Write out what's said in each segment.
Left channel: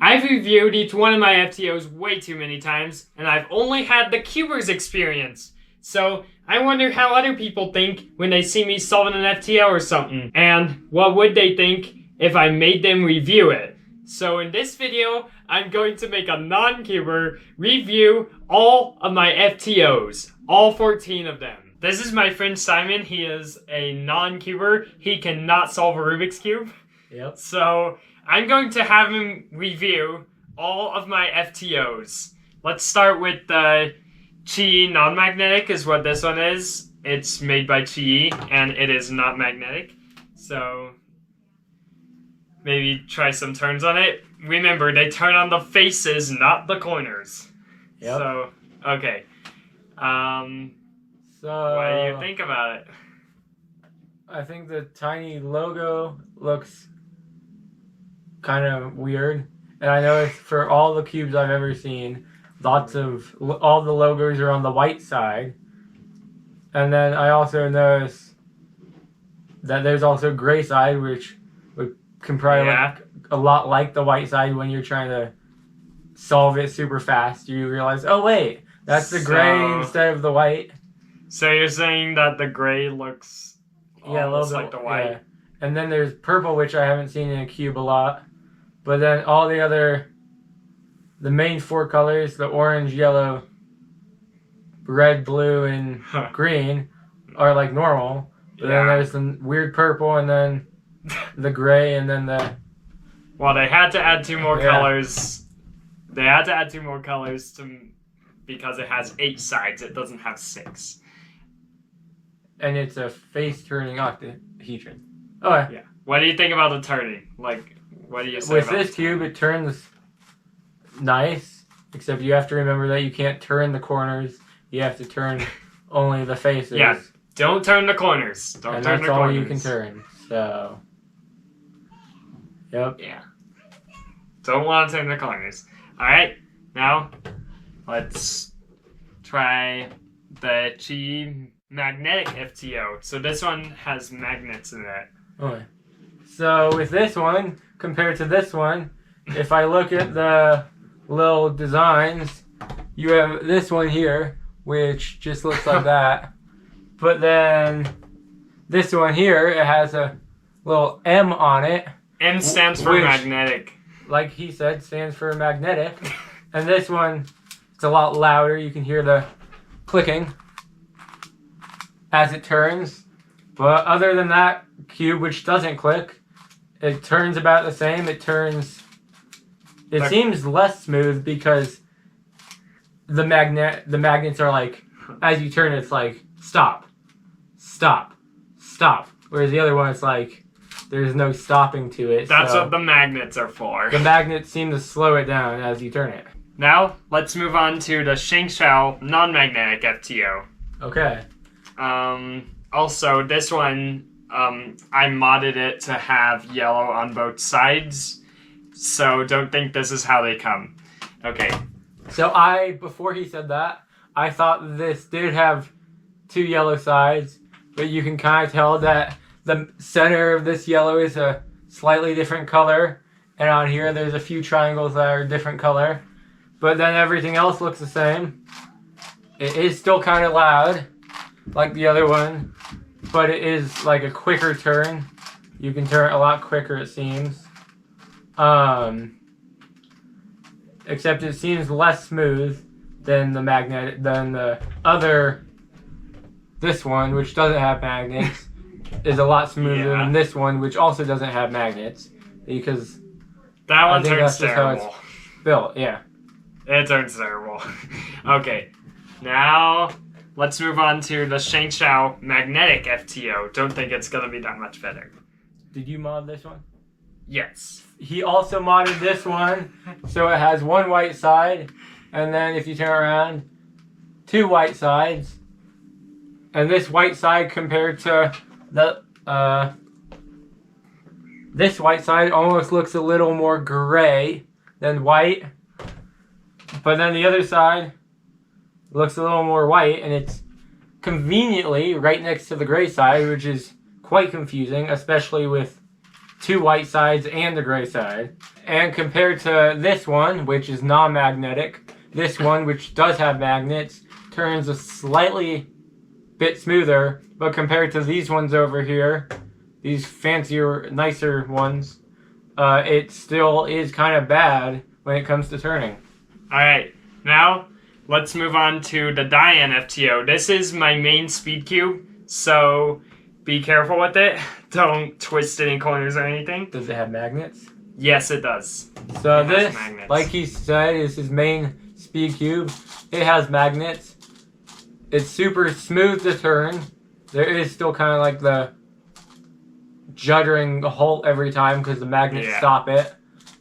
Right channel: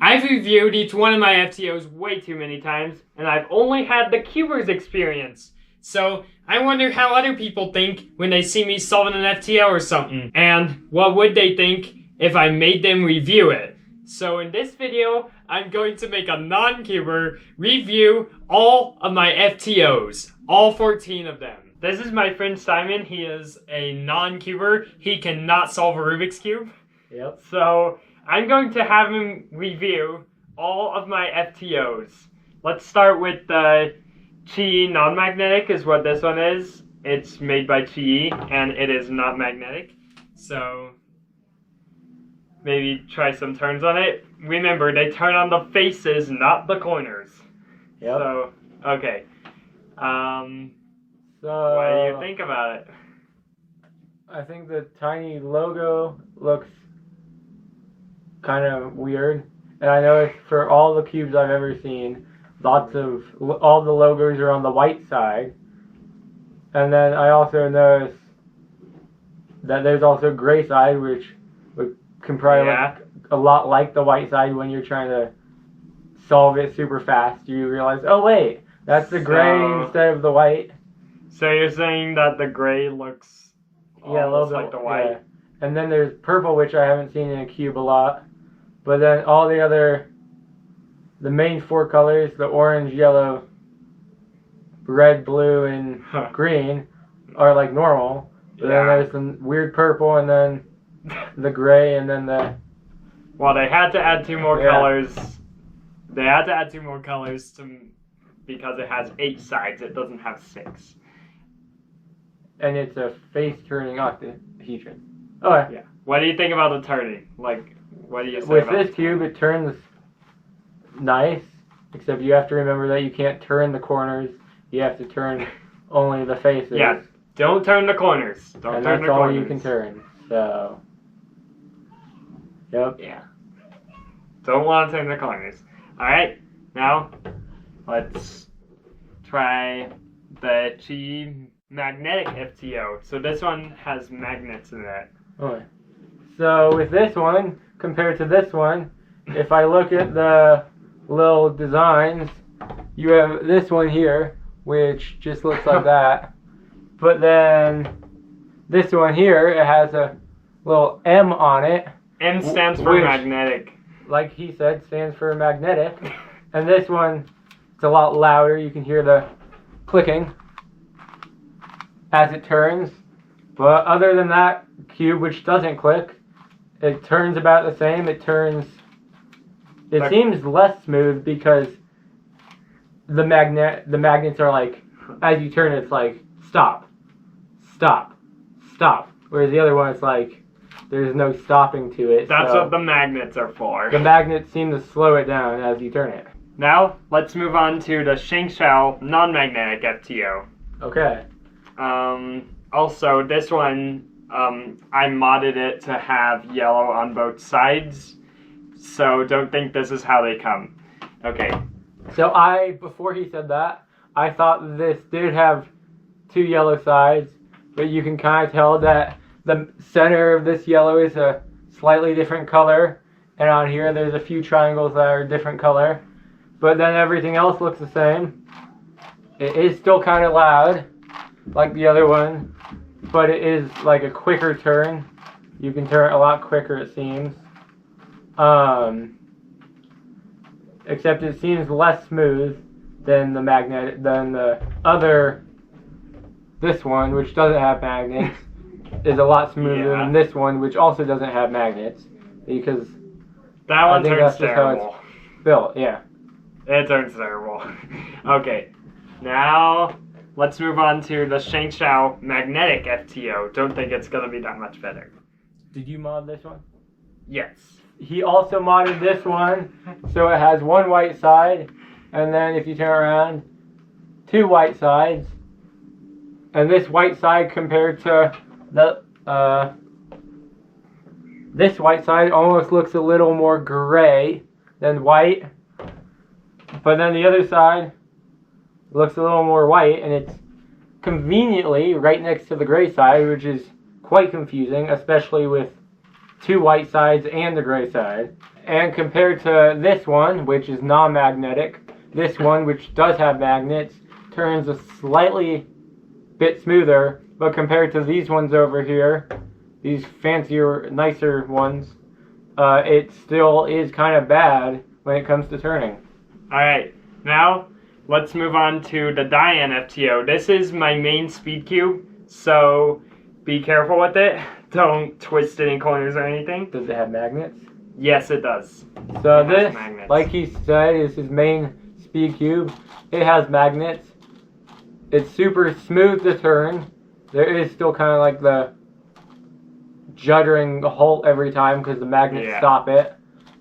I've reviewed each one of my FTOs way too many times, and I've only had the QiYi's experience. So I wonder how other people think when they see me solving an FTO or something, and what would they think if I made them review it. So in this video, I'm going to make a non-QiYi review all of my FTOs, all 14 of them. This is my friend Simon. He is a non-QiYi. He cannot solve a Rubik's Cube. Yep. So I'm going to have him review all of my FTOs. Let's start with the QiYi non-magnetic is what this one is. It's made by QiYi and it is not magnetic. So maybe try some turns on it. Remember, they turn on the faces, not the corners. Yep. So, okay. So What do you think about it? I think the tiny logo looks kind of weird. And I noticed for all the cubes I've ever seen, all the logos are on the white side. And then I also noticed that there's also gray side, which can probably look a lot like the white side when you're trying to solve it super fast. You realize, oh wait, that's the gray instead of the white. So you're saying that the gray looks almost like the white? Yeah. And then there's purple, which I haven't seen in a cube a lot. But then all the main four colors, the orange, yellow, red, blue, and green, are like normal. But then there's the weird purple, and then the gray, and then the... Well, they had to add two more colors. They had to add two more colors because it has 8 sides. It doesn't have 6. And it's a face-turning octahedron. Oh, yeah. What do you think about the turning? Like, what do you say with about this cube, it turns nice, except you have to remember that you can't turn the corners. You have to turn only the faces. Yeah, don't turn the corners. Don't turn the corners. And that's all you can turn, so... Yep. Yeah. Don't want to turn the corners. Alright, now let's try the QiYi magnetic FTO. So this one has magnets in it. Okay. So with this one, compared to this one, if I look at the little designs, you have this one here, which just looks like that. But then this one here, it has a little M on it. M stands for magnetic. Like he said, stands for magnetic. And this one, it's a lot louder. You can hear the clicking as it turns. But other than that cube, which doesn't click, it turns about the same. It seems less smooth because the magnets are like, as you turn, it's like, stop, stop, stop. Whereas the other one, it's like, there's no stopping to it. That's what the magnets are for. The magnets seem to slow it down as you turn it. Now, let's move on to the ShengShou non-magnetic FTO. Okay. Also, this one, I modded it to have yellow on both sides. So don't think this is how they come. Okay. So before he said that, I thought this did have 2 yellow sides, but you can kind of tell that the center of this yellow is a slightly different color, and on here there's a few triangles that are a different color, but then everything else looks the same. It is still kind of loud, like the other one, but it is like a quicker turn. You can turn it a lot quicker, it seems. Except it seems less smooth than this one, which doesn't have magnets. Is a lot smoother than this one, which also doesn't have magnets, because that one turns terrible. How it's built, yeah. It turns terrible. Okay, now let's move on to the ShengShou magnetic FTO. Don't think it's gonna be that much better. Did you mod this one? Yes. He also modded this one, so it has 1 white side, and then if you turn around, 2 white sides, and this white side compared to this white side almost looks a little more gray than white, but then the other side looks a little more white, and it's conveniently right next to the gray side, which is quite confusing, especially with two white sides and the gray side. And compared to this one, which is non-magnetic, this one, which does have magnets, turns a slightly bit smoother. But compared to these ones over here, these fancier, nicer ones, it still is kind of bad when it comes to turning. Alright, now let's move on to the Dayan FTO. This is my main speed cube, so be careful with it. Don't twist any corners or anything. Does it have magnets? Yes, it does. So this, like he said, is his main speed cube. It has magnets. It's super smooth to turn. There is still kind of like the juddering halt every time because the magnets stop it.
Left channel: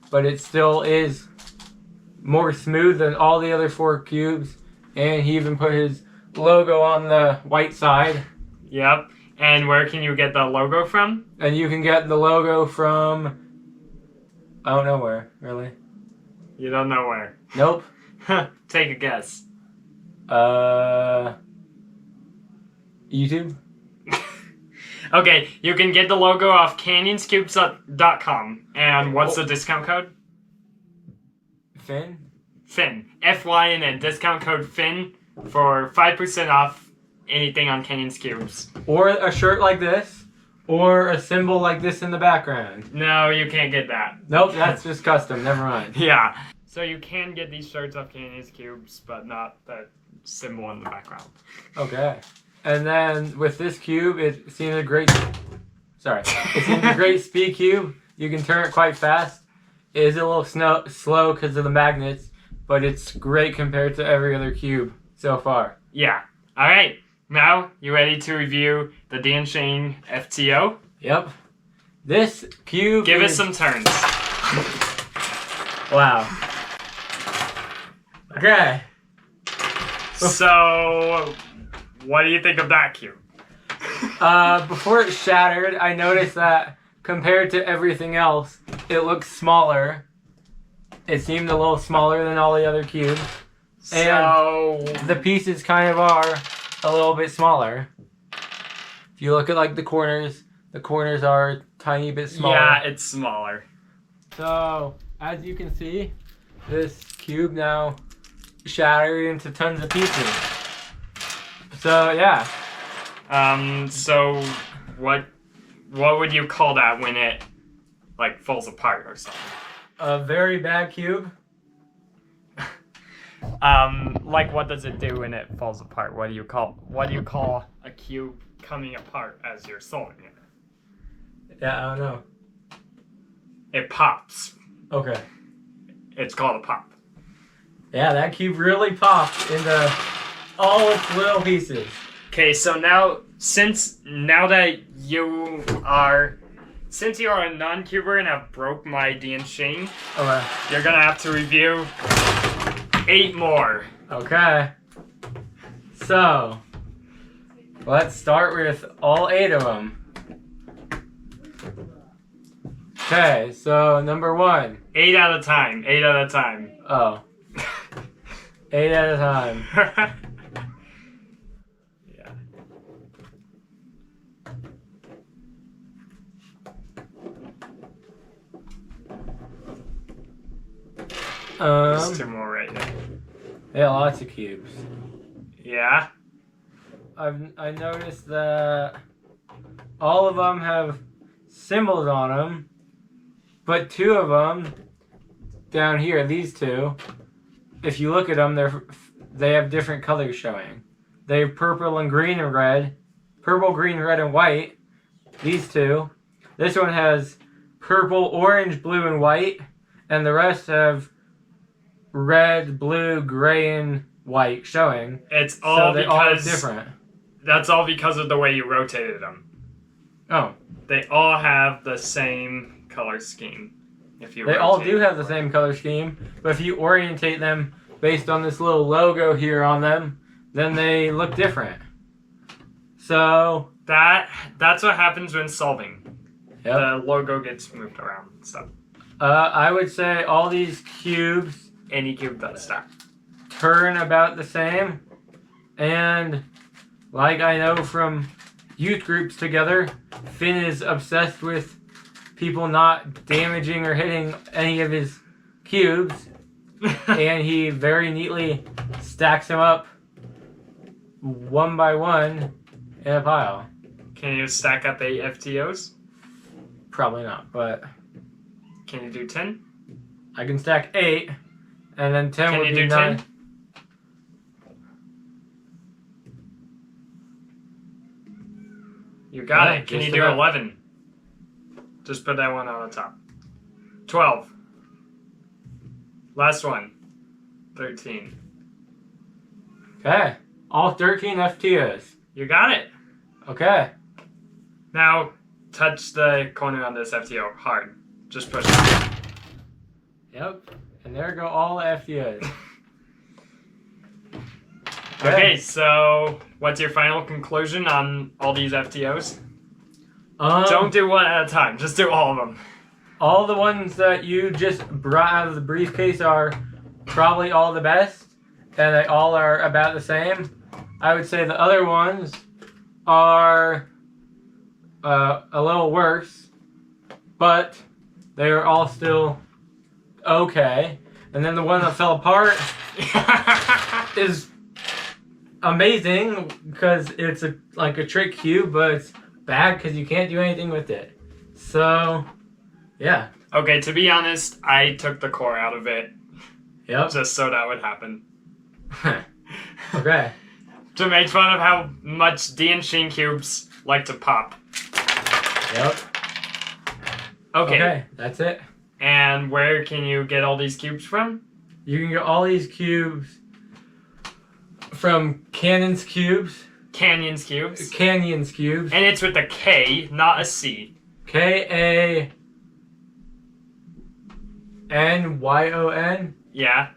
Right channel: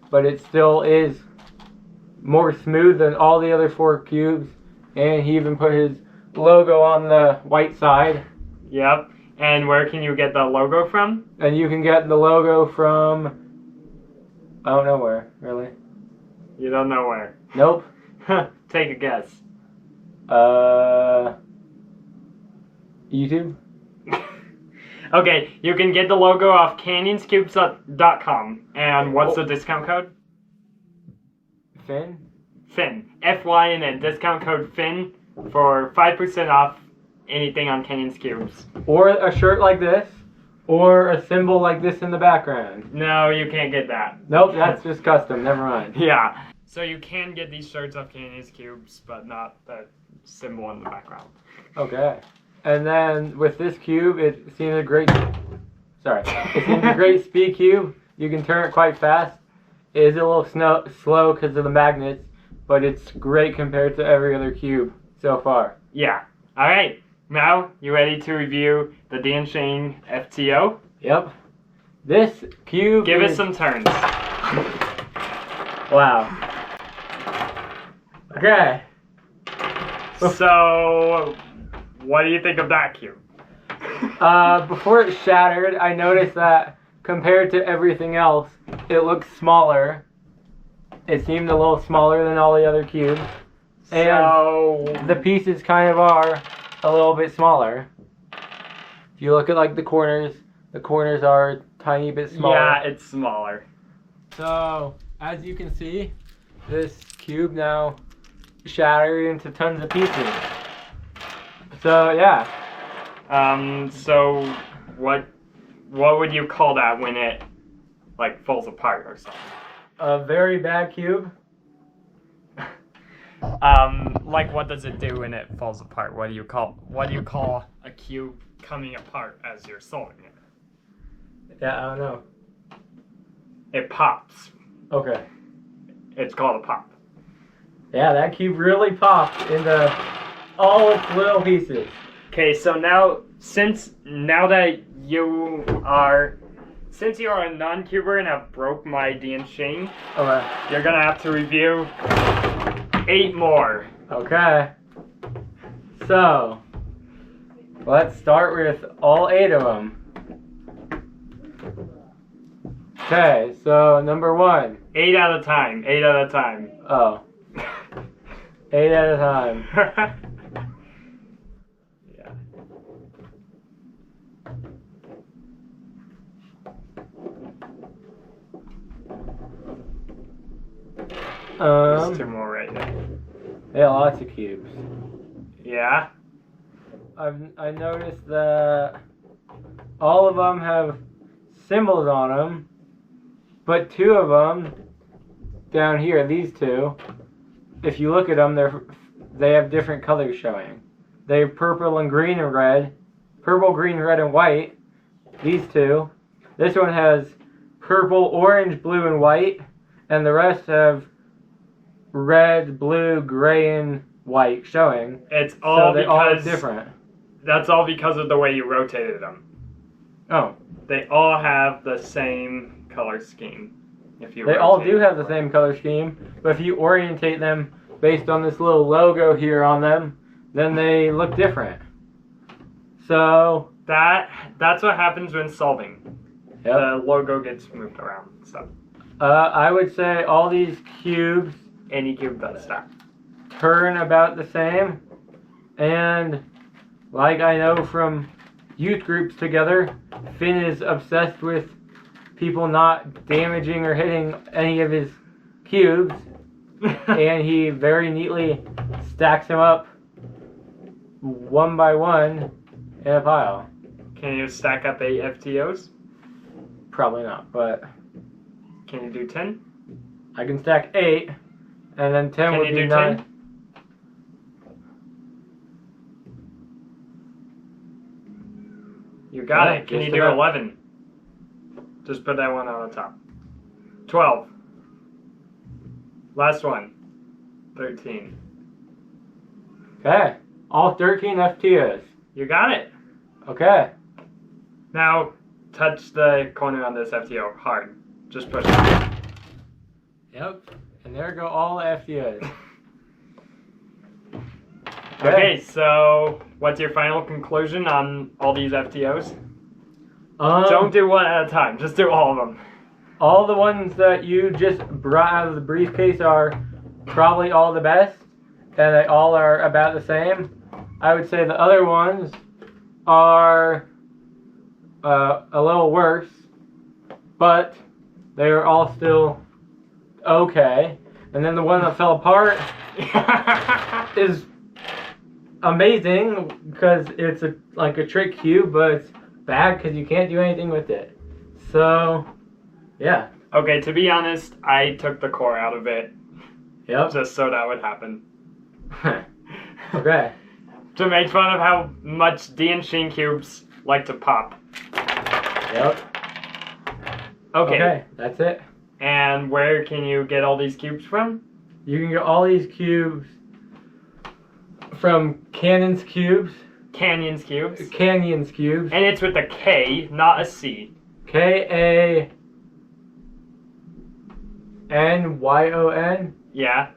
But it still is more smooth than all the other 4 cubes. And he even put his logo on the white side. Yep. And where can you get the logo from? And you can get the logo from... I don't know where, really. You don't know where? Nope. Take a guess. YouTube? Okay, you can get the logo off canyonscubes.com. And what's the discount code? Fynn? Fynn. Fyn and discount code Fynn for 5% off anything on Canyon's Cubes. Or a shirt like this. Or a symbol like this in the background. No, you can't get that. Nope, that's just custom. Never mind. Yeah. So you can get these shirts off Canyon's Cubes, but not the symbol in the background. Okay. And then with this cube, it seems a great... Sorry. It seems a great speed cube. You can turn it quite fast. It is a little slow because of the magnets, but it's great compared to every other cube so far. Yeah. Alright. Now, you ready to review the DianSheng FTO? Yep. This cube Give it some turns. Wow. Okay. So, what do you think of that cube? Before it shattered, I noticed that compared to everything else, it looks smaller. It seemed a little smaller than all the other cubes. So... And the pieces kind of are a little bit smaller. If you look at like the corners are a tiny bit smaller. Yeah, it's smaller. So, as you can see, this cube now shattered into tons of pieces. So, yeah. So what would you call that when it like falls apart or something? A very bad cube. Like what does it do when it falls apart? What do you call a cube coming apart as you're solving it? Yeah, I don't know. It pops. Okay. It's called a pop. Yeah, that cube really popped into all its little pieces. Okay, so now since you are a non-cuber and have broke my DianSheng, Okay. you're gonna have to review 8 more. Okay. So, let's start with all 8 of them. Okay, so number 1. 8 at a time. 8 at a time. Oh. 8 at a time. Yeah. There's 2 more right there. Yeah, lots of cubes. Yeah. I noticed that all of them have symbols on them, but 2 of them down here, these 2, if you look at them, they have different colors showing. They have purple and green and red, purple, green, red, and white. These 2. This one has purple, orange, blue, and white, and the rest have red, blue, gray, and white showing. It's all so they're all different. That's all because of the way you rotated them. Oh. They all have the same color scheme. They all do have the same color scheme, but if you orientate them based on this little logo here on them, then they look different. So that's what happens when solving. Yep. The logo gets moved around and stuff. I would say all these cubes, Any cube does that. turn about the same, and like I know from youth groups together, Fynn is obsessed with people not damaging or hitting any of his cubes. And he very neatly stacks them up one by one in a pile. Can you stack up 8 FTOs? Probably not, but Can you do 10? I can stack 8, and then 10 Can would you be do 9. 10? You got it. Can you do 11? Just put that one on the top. 12. Last one. 13. Okay. All 13 FTOs. You got it. Okay. Now, touch the corner on this FTO hard. Just push it. Yep. And there go all the FTOs. Okay, so what's your final conclusion on all these FTOs? Don't do one at a time. Just do all of them. All the ones that you just brought out of the briefcase are probably all the best, and they all are about the same. I would say the other ones are a little worse, but they are all still okay. And then the one that fell apart is amazing because it's like a trick cube, but it's bad because you can't do anything with it. So, yeah. Okay, to be honest, I took the core out of it. Yep. Just so that would happen. Okay. To make fun of how much DianSheng cubes like to pop. Yep. Okay, that's it. And where can you get all these cubes from? You can get all these cubes from Canyon's Cubes. Canyon's Cubes. Canyon's Cubes. And it's with a K, not a C. K-A-N-Y-O-N. Yeah.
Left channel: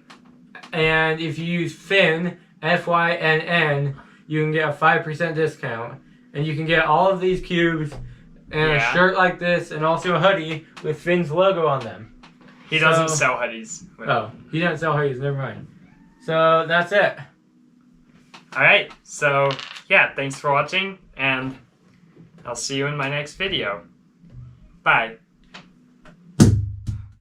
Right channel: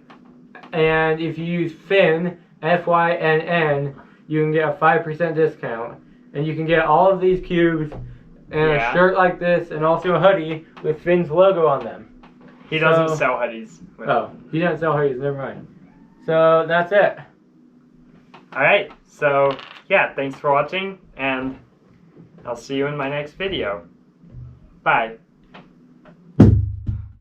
And if you use Fynn, F-Y-N-N, you can get a 5% discount. And you can get all of these cubes and a shirt like this, and also a hoodie with Fynn's logo on them. He doesn't sell hoodies. Oh, he doesn't sell hoodies, never mind. So, that's it. Alright, so, yeah, thanks for watching, and I'll see you in my next video. Bye.